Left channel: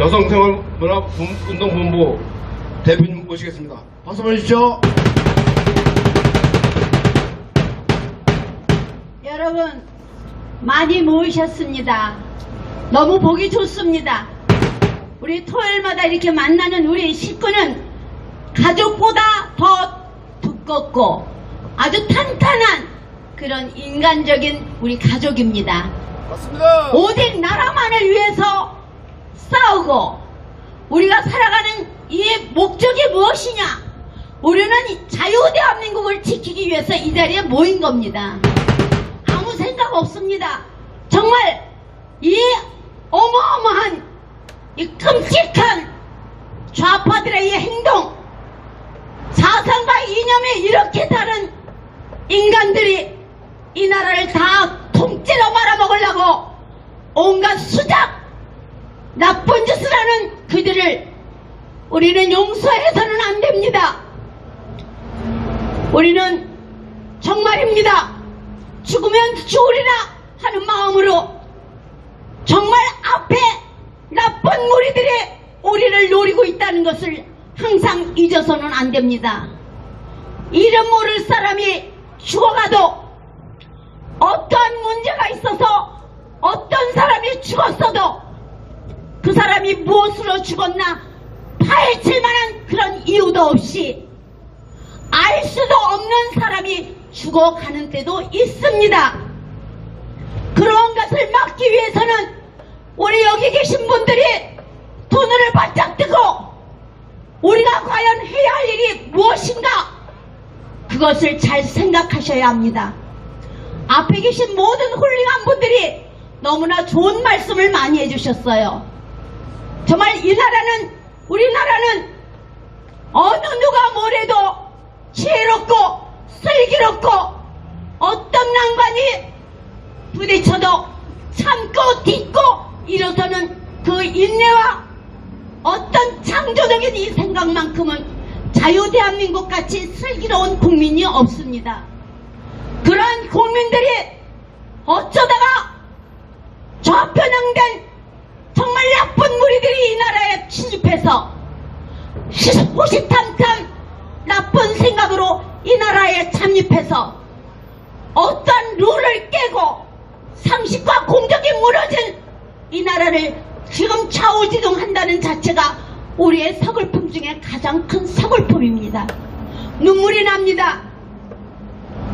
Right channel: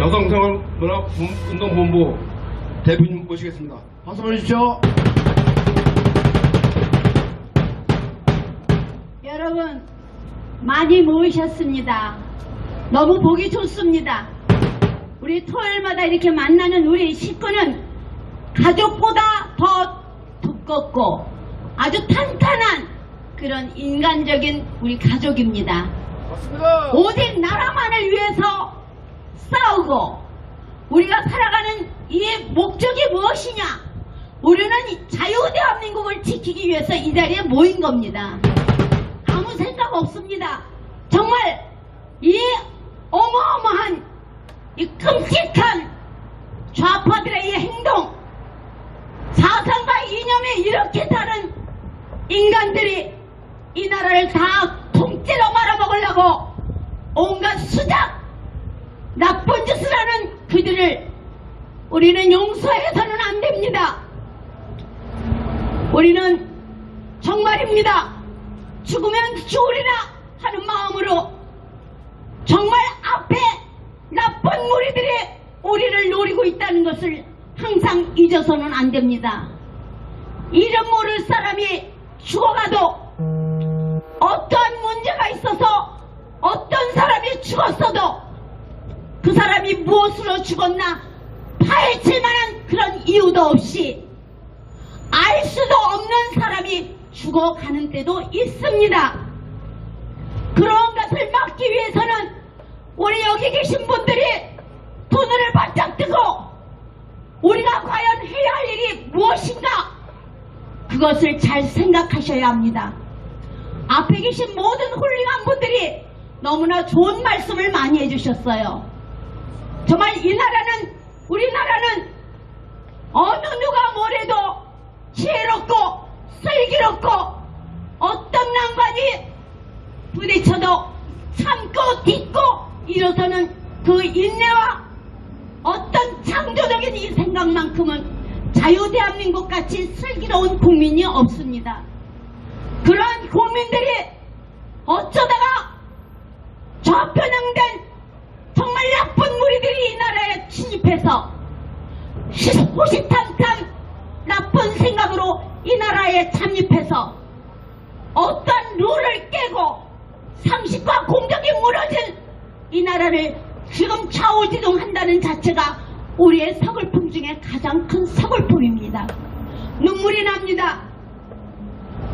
여성생활문화운동본부 대표님 모시겠습니다. 박수 보내주십시오. 여러분 많이 모이셨습니다. 너무 보기 좋습니다. 우리 토요일마다 이렇게 만나는 우리 식구는 가족보다 더 두껍고 아주 탄탄한 그런 인간적인 우리 가족입니다. 맞습니다. 오직 나라만을 위해서 싸우고 우리가 살아가는 이 목적이 무엇이냐? 우리는 자유대한민국을 지키기 위해서 이 자리에 모인 겁니다. 아무 생각 없습니다. 정말 이 어마어마한 이 끔찍한 좌파들의 이 행동, 사상과 이념이 이렇게 다른 인간들이 이 나라를 다 통째로 말아먹으려고 온갖 수작, 나쁜 짓을 하는 그들을 우리는 용서해서는 안 됩니다. 우리는 정말입니다. 죽으면 죽으리라 하는 마음으로 정말 앞에 나쁜 무리들이 우리를 노리고 있다는 것을 항상 잊어서는 안 됩니다. 이름 모를 사람이 죽어가도 어떠한 문제가 있어서 어떤 사람이 죽었어도 그 사람이 무엇으로 죽었나 파헤칠 만한 그런 이유도 없이 알 수도 없는 사람이 죽어가는 때도 있습니다. 그런 것을 막기 위해서는 우리 여기 계신 분들이 두 눈을 바짝 뜨고 우리가 과연 해야 할 일이 무엇인가 그것을 잘 생각하셔야 합니다. 앞에 계신 모든 훌륭한 분들이 너무나 좋은 말씀을 많이 해주셨어요. 정말 이 나라는, 우리나라는 어느 누가 뭐래도 지혜롭고 슬기롭고 어떤 난관이 부딪혀도 참고 딛고 일어서는 그 인내와 어떤 창조적인 이 생각만큼은 자유대한민국 같이 슬기로운 국민이 없습니다. 그런 국민들이 어쩌다가 좌편향된 정말 나쁜 무리들이 이 나라에 침입해서 호시탐탐 나쁜 생각으로 이 나라에 잠입해서 어떤 룰을 깨고 상식과 공정이 무너진 이 나라를 지금 좌우지동한다는 자체가 우리의 서글픔 중에 가장 큰 서글픔입니다. 눈물이 납니다.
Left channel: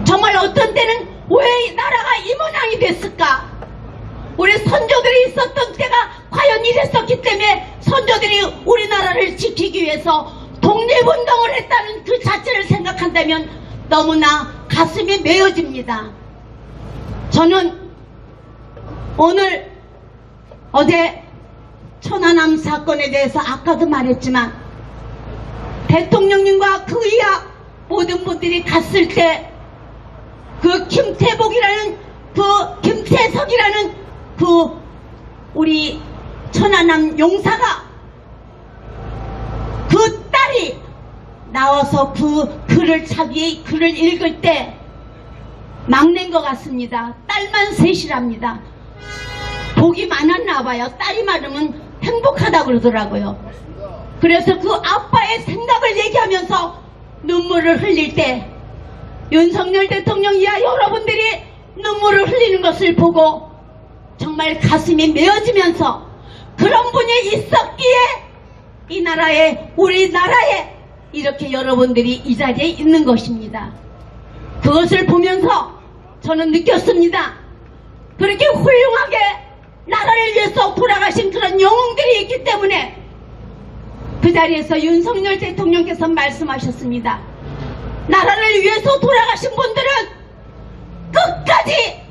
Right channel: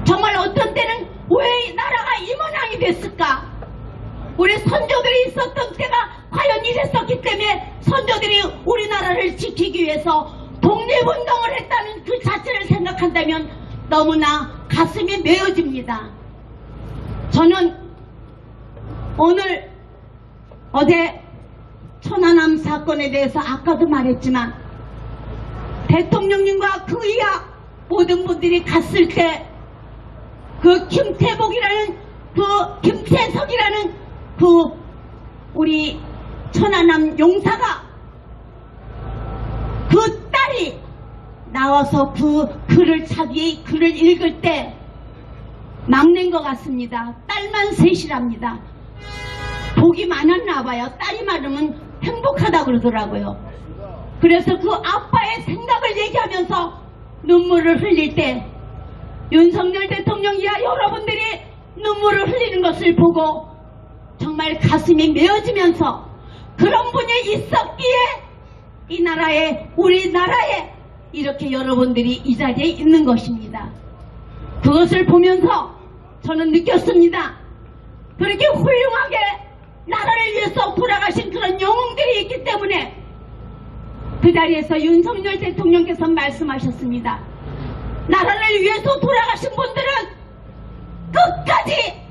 정말 어떤 때는 왜 나라가 이 모양이 됐을까? 우리 선조들이 있었던 때가 과연 이랬었기 때문에 선조들이 우리나라를 지키기 위해서 독립운동을 했다는 그 자체를 생각한다면 너무나 가슴이 메어집니다. 저는 오늘 어제 천안함 사건에 대해서 아까도 말했지만 대통령님과 그 이하 모든 분들이 갔을 때 그 김태복이라는 그 김태석이라는 그 우리 천안함 용사가 그 딸이 나와서 그 글을 자기의 글을 읽을 때 막낸 것 같습니다. 딸만 셋이랍니다. 복이 많았나 봐요. 딸이 많으면 행복하다 그러더라고요. 그래서 그 아빠의 생각을 얘기하면서 눈물을 흘릴 때 윤석열 대통령 이하 여러분들이 눈물을 흘리는 것을 보고 정말 가슴이 메어지면서 그런 분이 있었기에 이 나라에 우리나라에 이렇게 여러분들이 이 자리에 있는 것입니다. 그것을 보면서 저는 느꼈습니다. 그렇게 훌륭하게 나라를 위해서 돌아가신 그런 영웅들이 있기 때문에 그 자리에서 윤석열 대통령께서 말씀하셨습니다. 나라를 위해서 돌아가신 분들은 끝까지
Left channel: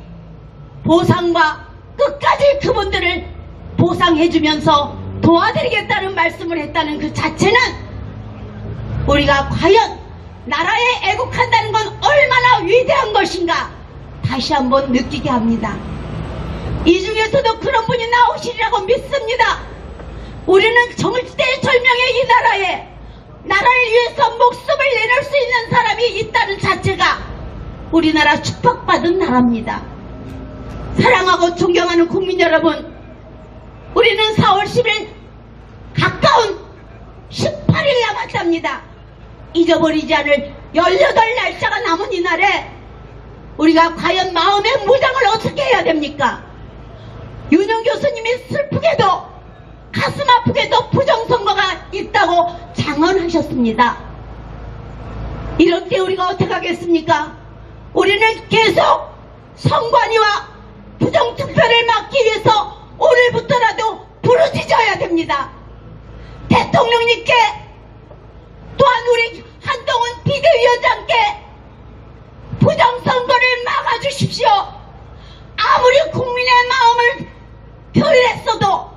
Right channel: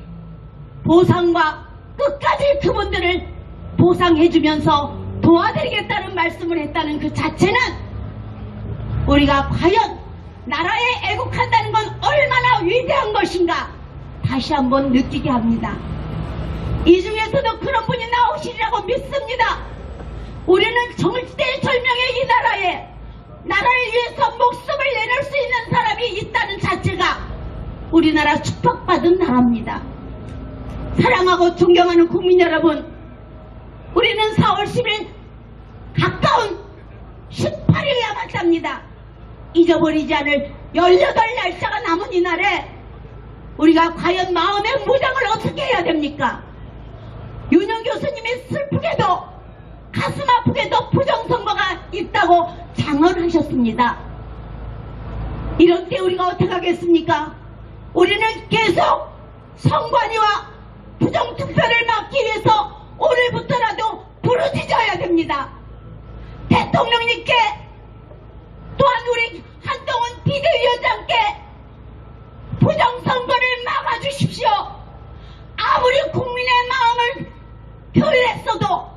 보상과 끝까지 그분들을 보상해주면서 도와드리겠다는 말씀을 했다는 그 자체는 우리가 과연 나라에 애국한다는 건 얼마나 위대한 것인가 다시 한번 느끼게 합니다. 이 중에서도 그런 분이 나오시리라고 믿습니다. 우리는 정치대절명의 이 나라에 나라를 위해서 목숨을 내놓을 수 있는 사람이 있다는 자체가 우리나라 축복받은 나라입니다. 사랑하고 존경하는 국민 여러분, 우리는 4월 10일 됩니다. 잊어버리지 않을 18날짜가 남은 이날에 우리가 과연 마음의 무장을 어떻게 해야 됩니까? 윤영 교수님이 슬프게도 가슴 아프게도 부정선거가 있다고 장언하셨습니다. 이럴 때 우리가 어떻게 하겠습니까? 우리는 계속 선관위와 부정투표를 막기 위해서 오늘부터라도 부르짖어야 됩니다. 대통령님께 또한 우리 한동훈 비대위원장께 부정선거를 막아주십시오. 아무리 국민의 마음을 표현했어도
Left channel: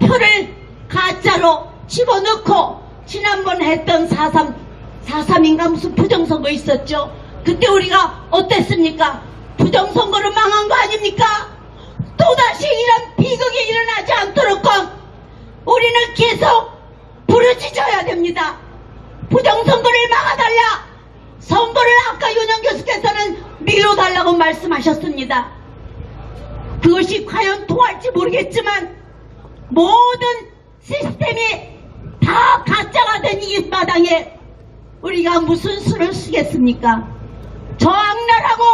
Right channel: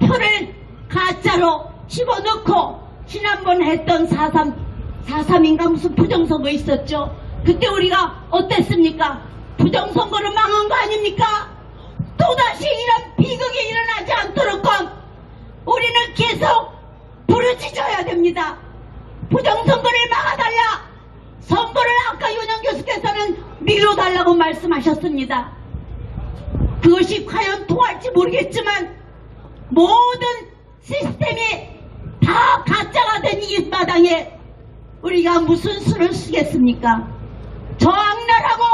표를 가짜로 집어넣고 지난번 했던 4.3인가 무슨 부정선거 있었죠. 그때 우리가 어땠습니까? 부정선거를 망한 거 아닙니까? 또다시 이런 비극이 일어나지 않도록 우리는 계속 부르짖어야 됩니다. 부정선거를 막아달라. 선거를 아까 윤영 교수께서는 미뤄달라고 말씀하셨습니다. 그것이 과연 통할지 모르겠지만 모든 시스템이 다 가짜가 된 이 마당에 우리가 무슨 수를 쓰겠습니까? 저 악랄하고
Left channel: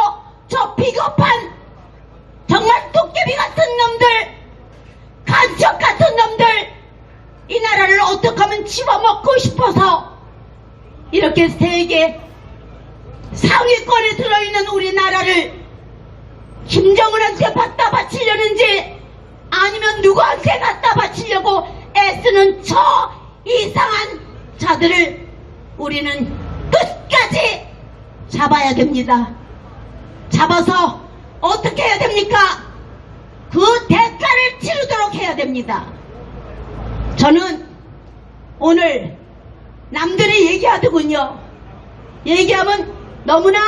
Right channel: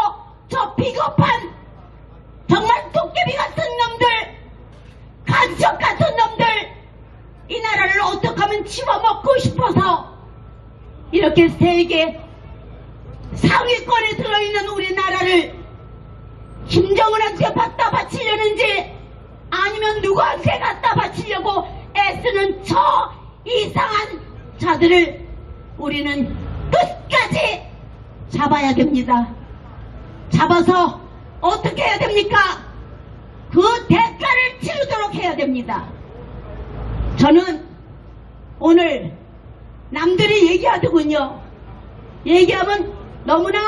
저 비겁한 정말 도깨비 같은 놈들, 간첩 같은 놈들, 이 나라를 어떻게 하면 집어먹고 싶어서 이렇게 세계 상위권에 들어있는 우리나라를 김정은한테 갖다 바치려는지 아니면 누구한테 갖다 바치려고 애쓰는 저 이상한 자들을 우리는 끝까지 잡아야 됩니다. 잡아서 어떻게 해야 됩니까? 그 대가를 치르도록 해야 됩니다. 저는 오늘 남들이 얘기하더군요. 얘기하면 너무나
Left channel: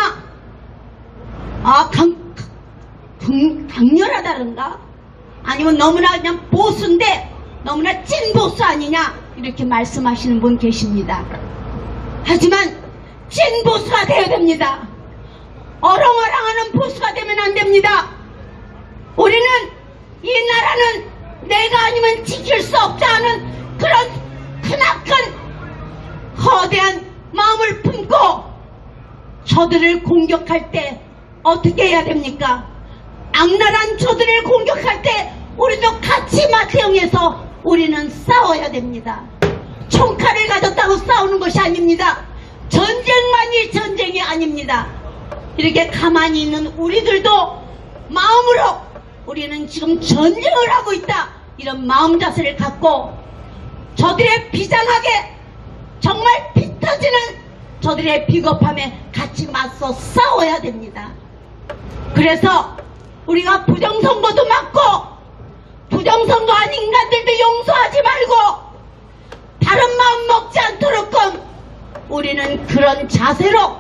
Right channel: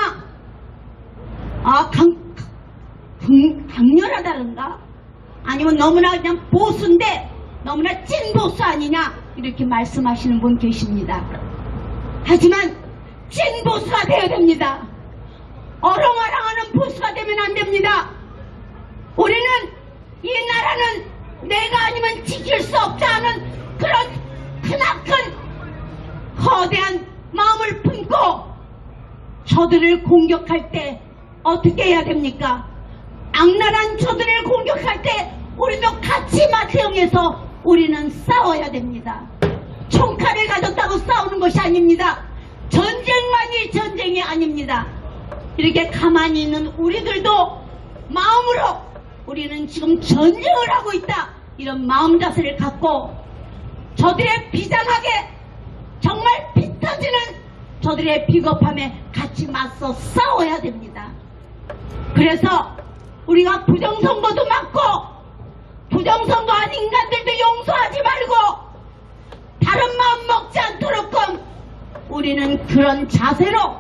강렬하다는가? 아니면 너무나 그냥 보수인데 너무나 찐 보수 아니냐? 이렇게 말씀하시는 분 계십니다. 하지만 찐 보수가 되어야 됩니다. 어렁어렁하는 보수가 되면 안 됩니다. 우리는 이 나라는 내가 아니면 지킬 수 없다는 그런 크나큰 거대한 마음을 품고 저들을 공격할 때 어떻게 해야 됩니까? 악랄한 저들을 공격할 때 우리도 같이 맞대응해서 우리는 싸워야 됩니다. 총칼을 가졌다고 싸우는 것이 아닙니다. 전쟁만이 전쟁이 아닙니다. 이렇게 가만히 있는 우리들도 마음으로 우리는 지금 전쟁을 하고 있다, 이런 마음 자세를 갖고 저들의 비장하게 정말 피 터지는 저들의 비겁함에 같이 맞서 싸워야 됩니다. 그래서 우리가 부정선거도 막고 부정선거한 인간들도 용서하지 말고 다른 마음 먹지 않도록 우리는 그런 자세로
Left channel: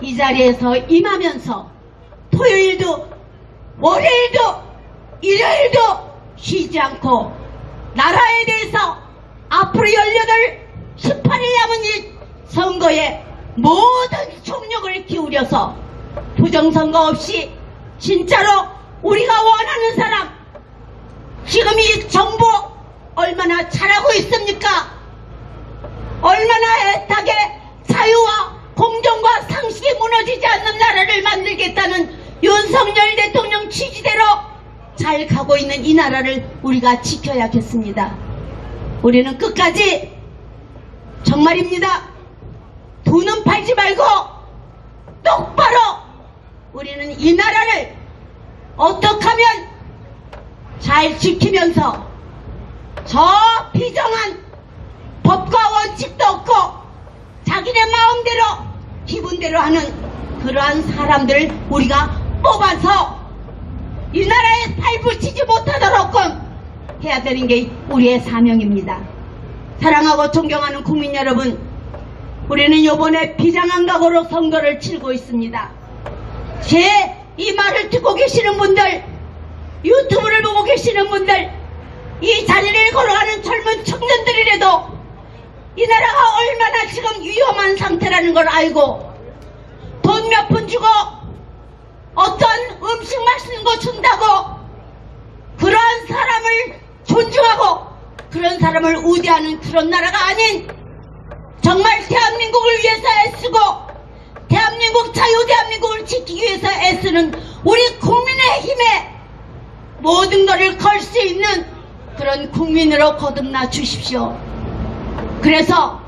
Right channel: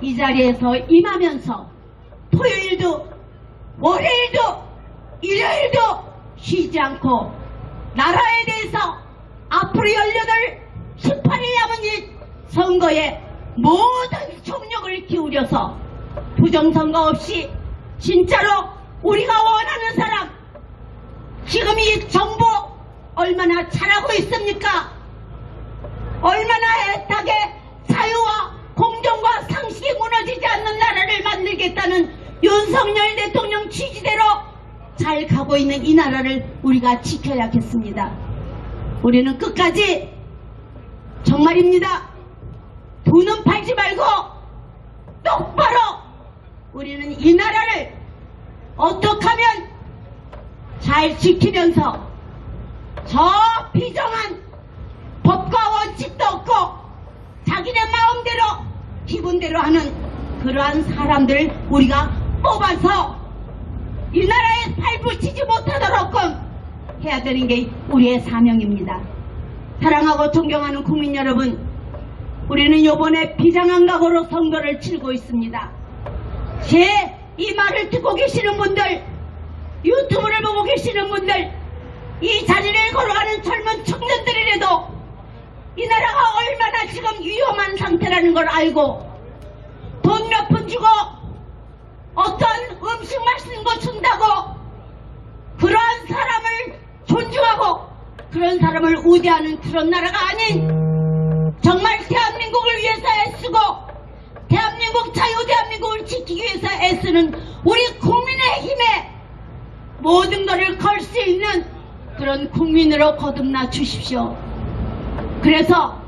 이 자리에서 임하면서 토요일도 월요일도 일요일도 쉬지 않고 나라에 대해서 앞으로 18일 남은 이 선거에 모든 총력을 기울여서 부정선거 없이 진짜로 우리가 원하는 사람, 지금 이 정부 얼마나 잘하고 있습니까? 얼마나 애타게 자유와 공정과 상식이 무너지지 않는 나라를 만들겠다는 윤석열 대통령 취지대로 잘 가고 있는 이 나라를 우리가 지켜야겠습니다. 우리는 끝까지 정말입니다. 두 눈 팔지 말고 똑바로 우리는 이 나라를 어떻게 하면 잘 지키면서 저 비정한 법과 원칙도 없고 자기네 마음대로 기분대로 하는 그러한 사람들을 우리가 뽑아서 이 나라에 발붙이지 못하도록 해야 되는 게 우리의 사명입니다. 사랑하고 존경하는 국민 여러분, 우리는 이번에 비장한 각오로 선거를 치르고 있습니다. 제 이 말을 듣고 계시는 분들, 유튜브를 보고 계시는 분들, 이 자리를 걸어가는 젊은 청년들이라도 이 나라가 얼마나 지금 위험한 상태라는 걸 알고 돈 몇 푼 주고 어떤 음식 맛있는 거 준다고 그러한 사람을 존중하고 그런 사람을 우대하는 그런 나라가 아닌 정말 대한민국을 위해서 애쓰고 대한민국 자유 대한민국을 지키기 위해서 애쓰는 우리 국민의힘에 모든 것을 걸 수 있는 그런 국민으로 거듭나 주십시오. 그래서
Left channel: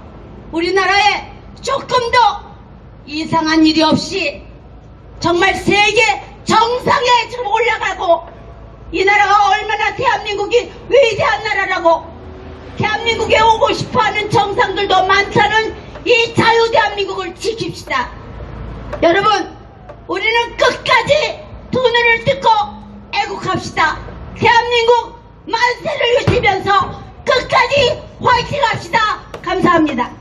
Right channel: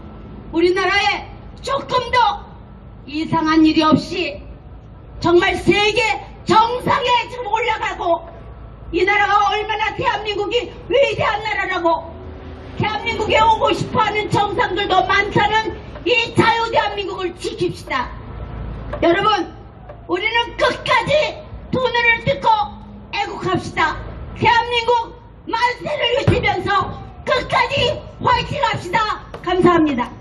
우리나라에 조금 더 이상한 일이 없이 정말 세계 정상에 지금 올라가고 이 나라가 얼마나 대한민국이 위대한 나라라고 대한민국에 오고 싶어하는 정상들도 많다는 이 자유 대한민국을 지킵시다. 여러분, 우리는 끝까지 두 눈을 뜯고 애국합시다. 대한민국 만세를 외치면서 끝까지 화이팅 합시다. 감사합니다.